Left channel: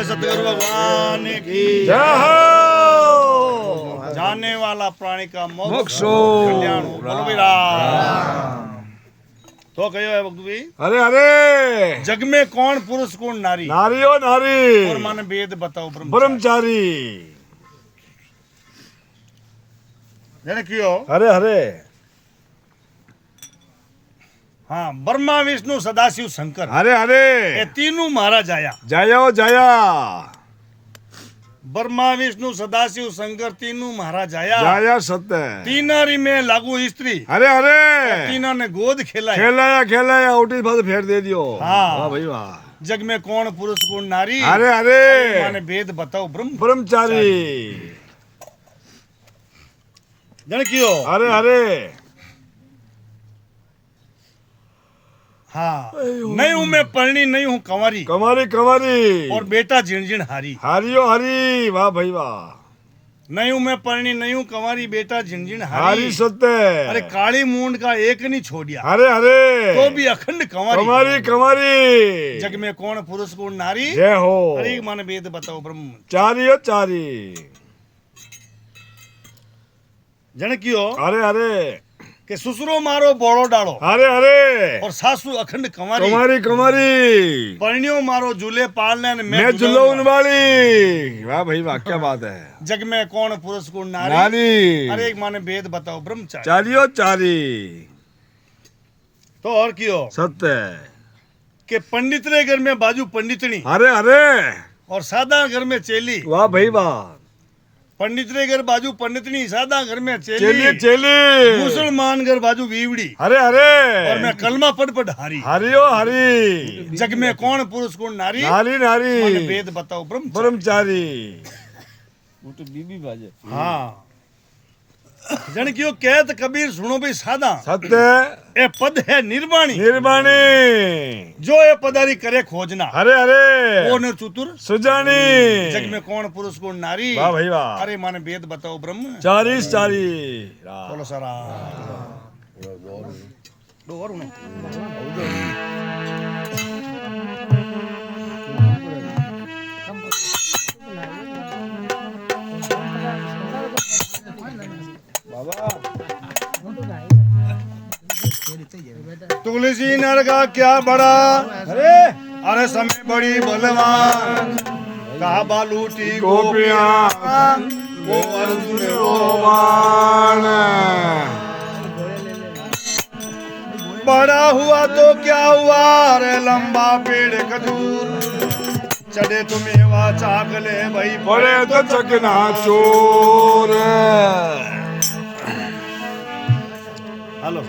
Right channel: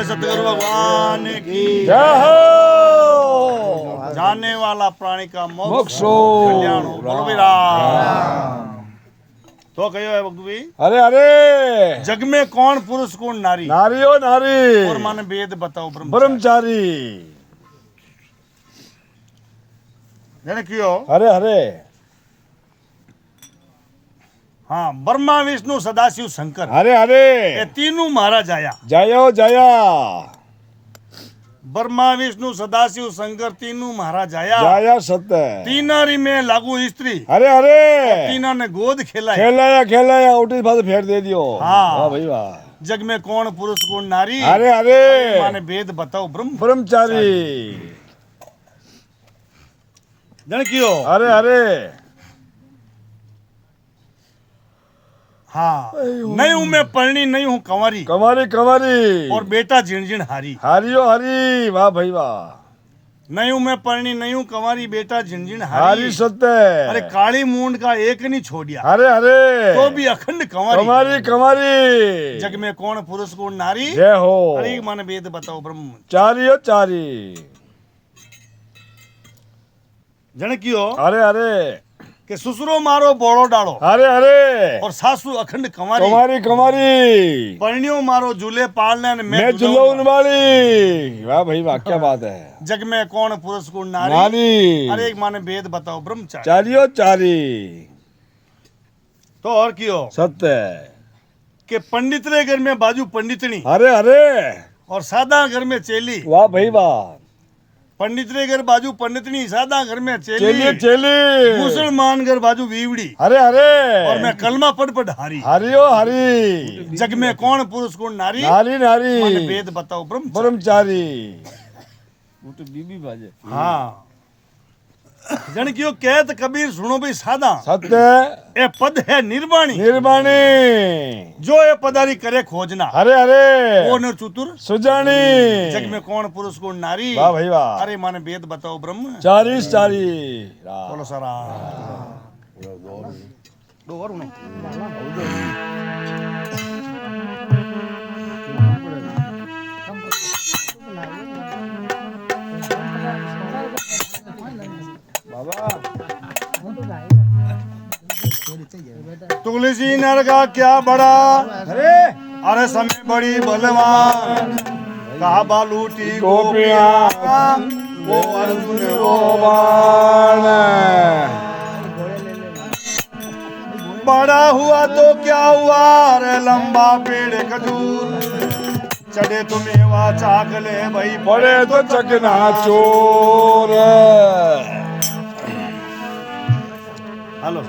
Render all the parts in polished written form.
सतगुरु भगवान की जय हो। जाने वाला प्राणी का मोक्ष मोक्षो कल्याण हो। बोलो भाई राम। तो कहो है भक्त भाई, अरे अरे जग में कौन पुरुष कौन नारी, नारी ओ नारी और माने वेद बताओ ब्रह्मचारी। ब्रह्मचारी। जने क्यों? अरे अरे हाँ, ब्रह्मा विष्णु सदाशिव शंकर अरे अरे ये तीनों महाराज आया। जयो जया ब्रह्मा विष्णु सदाशिव शंकर तीनों महाराज आया। जया सत्य। तीनारी में लागू स्त्री, अरे अरे तीना ने गोद खेलाया। खेलाया खेलाया उठी बात फेर दे दियो। हाँ। वाह भाई वाह। जग में कौन पुरुष कौन नारी, अरे अरे माने भेद बताओ ब्रह्मचारी। जन क्यों? अरे अरे हाँ, नहीं हूं मैं पढ़नी, नहीं हूं कंवारी, कमारी कमारी और बेटा झिनझिन हारी। हरियो हरी। वाह भाई वाह। नहीं हूं मैं पढ़नी, नहीं हूं कंवारी, बेटा झिनझिन हरी हारी। सत्य। अरे काली मूंड का एक नहीं छोड़िया, अरे अरे तो भी अखंड कंवारी। कमारी कमारी। जग में कौन पुरुष कौन नारी, जय हो। अरे माने वेद बताओ ब्रह्म। चारियो चारी। जन क्यों? अरे अरे के ससुरो मारो बोड़ो डालो, अरे अरे और सासू अखंड कंवारी। कमारी कमारी। परणियों मारो झूले पालने ने मैं जुलून वाली। वाह भाई वाह क्या बात है। जग में कौन पुरुष कौन नारी, नारी अरे एक माने वेद बताओ ब्रह्मचारी। चारियो चारी। तो और क्यों? सत्य। के पंडित रे घर में बाजू पंडितनी, अरे अरे और सादा घर में चेली। वाह भाई वाह। पंडित रे घर बाजू पंडितनी, सादा घर में चेली चेली। चेली। मुसलमान घर बाजू बीवड़ी, अरे अरे और मैं कलमा पढ़ पढ़ हारी। हरियो हरी। जग में कौन पुरुष कौन नारी, नारी माने नारी वेद बताओ ब्रह्मचारी। ब्रह्मचारी। वो तो बीबी बाजे। हाँ, जन क्यों कहत कबीर सुनो भाई सादा, सत्य। ए पद है निर्वाणी, निर्वाणी। जो ये पदारी करे खोजना, अरे अरे वो न चतुर सुजानी। जग में कौन पुरुष कौन नारी, वाह भाई वाह। अरे माने वेद बताओ ब्रह्म। चारी चारी। बोलो सारा दो और उन्हों। तुलसी नर का क्या बड़ा, अरे अरे समय बड़ी बलवान। कहा बालूटी गोपिया, वो अर्जुन वो बाण। बड़ा हुआ तो क्या हुआ, रे लंबा पेड़ खजूर। चढ़े तुम्हें वा चाक ले भाई, बड़े तो चकना चोर। हेलो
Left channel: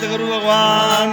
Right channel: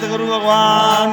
સદગુરુ ભગવાન